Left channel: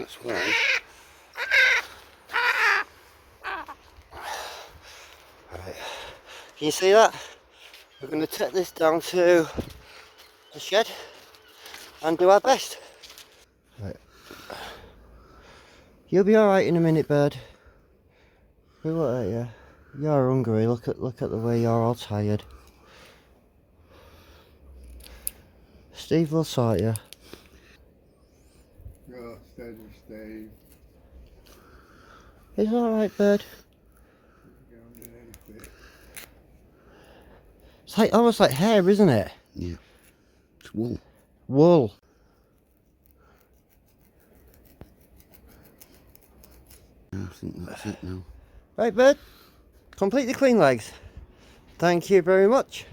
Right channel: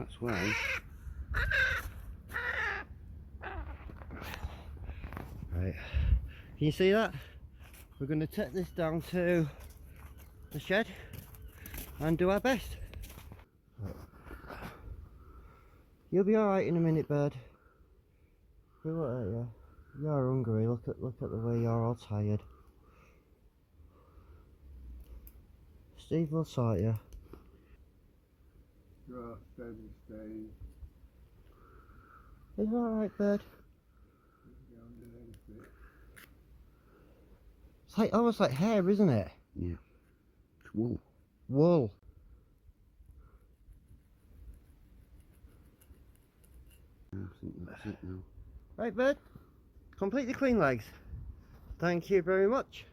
That's one. Right. Can you see that? We're going to take this down to the shed and do our best. Right. You'll be alright in a minute, bird. We won't hurt you. You're hungry. Look at the way you're all tired. Steve will sort you. Oh, steady, Steve. It's alright, bird. It's like almost like hair, isn't it? Yeah. It's wool. Wool. I think that's it now. Right, bird. Complete the clean legs. Thank you very much.